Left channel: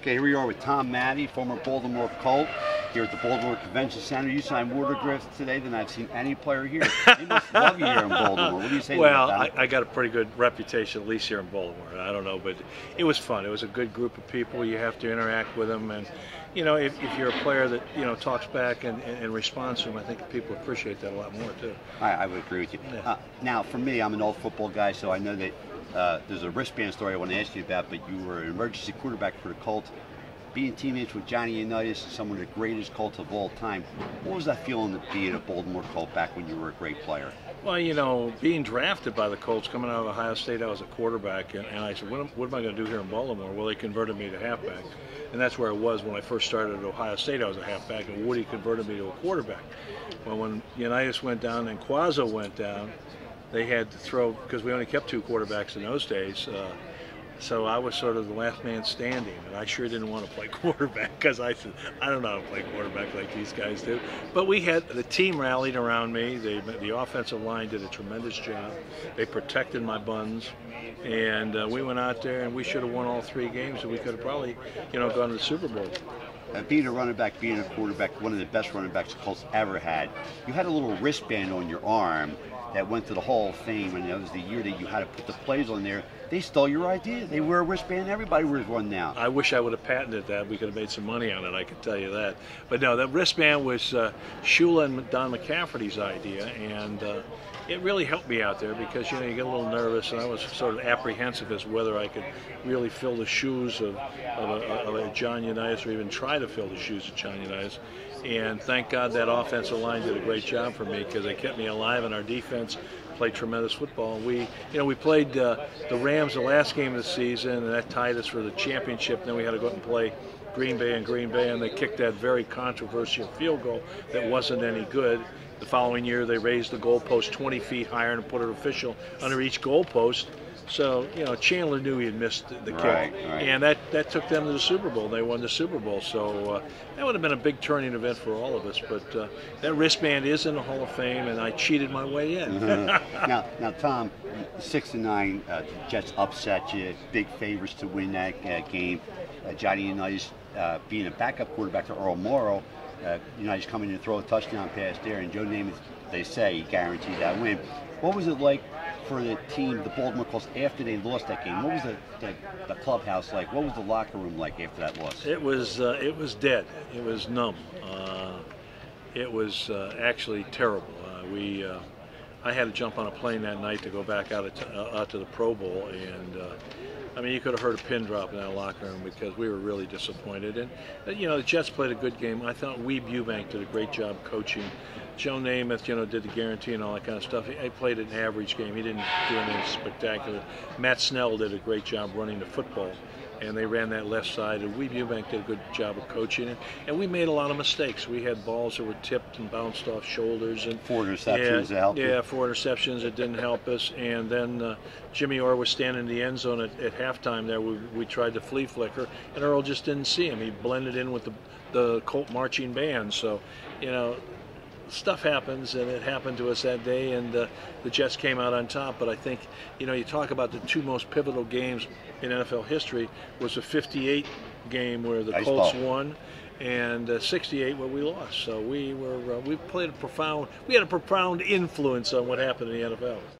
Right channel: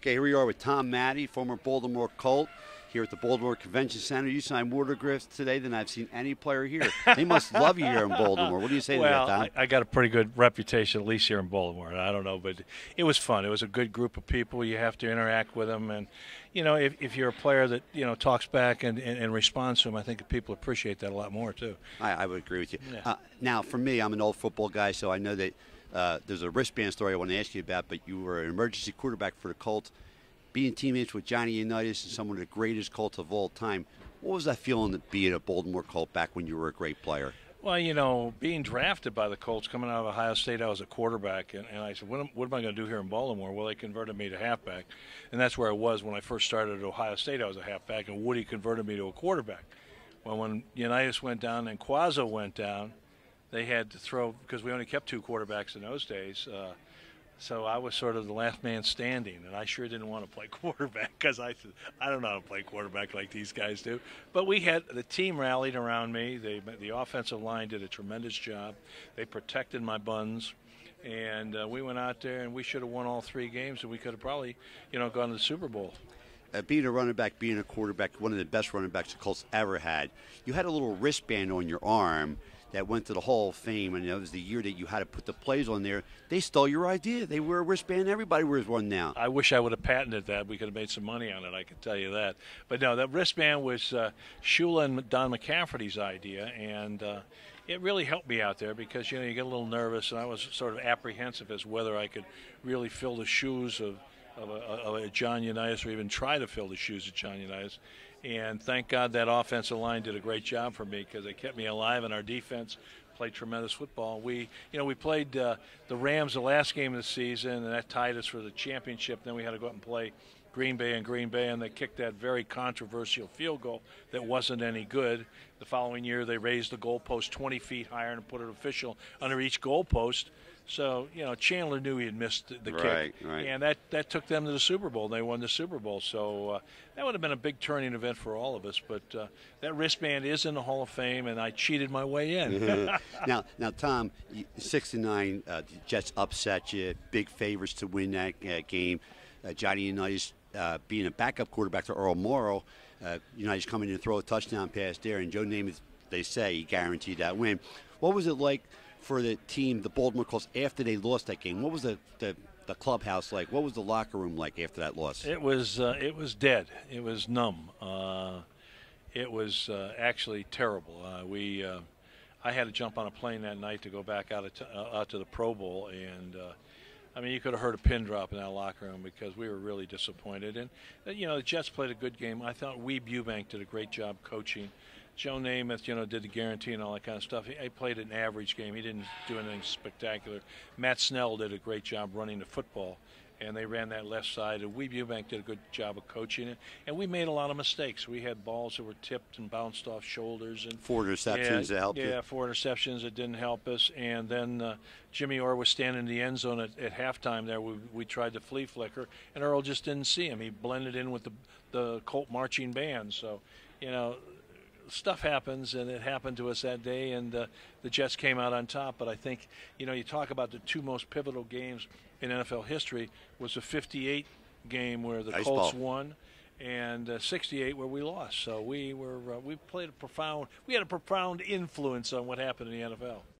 Okay, here we are with Tom Matte, former Baltimore Colt, here at the Baltimore Convention Center. You signed more autographs today than I've seen any player here. They must love you here in Baltimore. What do you say to that, Tom? Well, I got a pretty good reputation, at least here in Baltimore. I don't know, but it was fun. It was a good group of people. You have to interact with them, and if you're a player that talks back and responds to them, I think people appreciate that a lot more too. I would agree with you. Yeah. Now, for me, I'm an old football guy, so I know that there's a wristband story I want to ask you about, but you were an emergency quarterback for the Colts. Being teammates with Johnny Unitas, some of the greatest Colts of all time, what was that feeling to be a Baltimore Colt back when you were a great player? Well, being drafted by the Colts, coming out of Ohio State, I was a quarterback, and I said, what am I going to do here in Baltimore? Well, they converted me to halfback, and that's where I was when I first started at Ohio State. I was a halfback, and Woody converted me to a quarterback. Well, when Unitas went down and Quazzo went down, they had to throw, because we only kept two quarterbacks in those days, so I was sort of the last man standing, and I sure didn't want to play quarterback because I said, I don't know how to play quarterback like these guys do. But the team rallied around me. The offensive line did a tremendous job. They protected my buns, and we went out there and we should have won all three games, and we could have probably, gone to the Super Bowl. Being a running back, being a quarterback, one of the best running backs the Colts ever had, you had a little wristband on your arm that went to the Hall of Fame, and that was the year that you had to put the plays on there. They stole your idea. They wear a wristband. Everybody wears one now. I wish I would have patented that. We could have made some money on it, I can tell you that. But no, that wristband was Shula and Don McCafferty's idea, and it really helped me out there because, you get a little nervous, and I was sort of apprehensive as to whether I could really fill the shoes of a John Unitas or even try to fill the shoes of John Unitas. And thank God that offensive line did a great job for me because they kept me alive, and our defense played tremendous football. We played the Rams the last game of the season, and that tied us for the championship. Then we had to go out and play Green Bay, and they kicked that very controversial field goal that wasn't any good. The following year, they raised the goalpost 20 feet higher and put an official under each goalpost. So, Chandler knew he had missed the kick, right. And that took them to the Super Bowl. They won the Super Bowl, so that would have been a big turning event for all of us. But that wristband is in the Hall of Fame, and I cheated my way in. Now, Tom, 6-9, the Jets upset you, big favorites to win that game. Johnny Unitas being a backup quarterback to Earl Morrow, Unitas coming to throw a touchdown pass there, and Joe Namath, they say, guaranteed that win. What was it like for the team, the Baltimore Colts, after they lost that game? What was the clubhouse like? What was the locker room like after that loss? It was dead. It was numb. It was actually terrible. I had to jump on a plane that night to go back out to the Pro Bowl, and you could have heard a pin drop in that locker room because we were really disappointed. And the Jets played a good game. I thought Weeb Eubank did a great job coaching. Joe Namath, did the guarantee and all that kind of stuff. He played an average game. He didn't do anything spectacular. Matt Snell did a great job running the football, and they ran that left side. And Weeb Eubank did a good job of coaching it. And we made a lot of mistakes. We had balls that were tipped and bounced off shoulders. And 4 interceptions that helped you. Yeah, 4 interceptions. It didn't help us. And then Jimmy Orr was standing in the end zone at halftime there. We tried to flea flicker, and Earl just didn't see him. He blended in with the Colt marching band. So, stuff happens, and it happened to us that day, and the Jets came out on top. But I think, you talk about the two most pivotal games in NFL history was the 58 game where the Colts won, and 68 where we lost. So we had a profound influence on what happened in the NFL.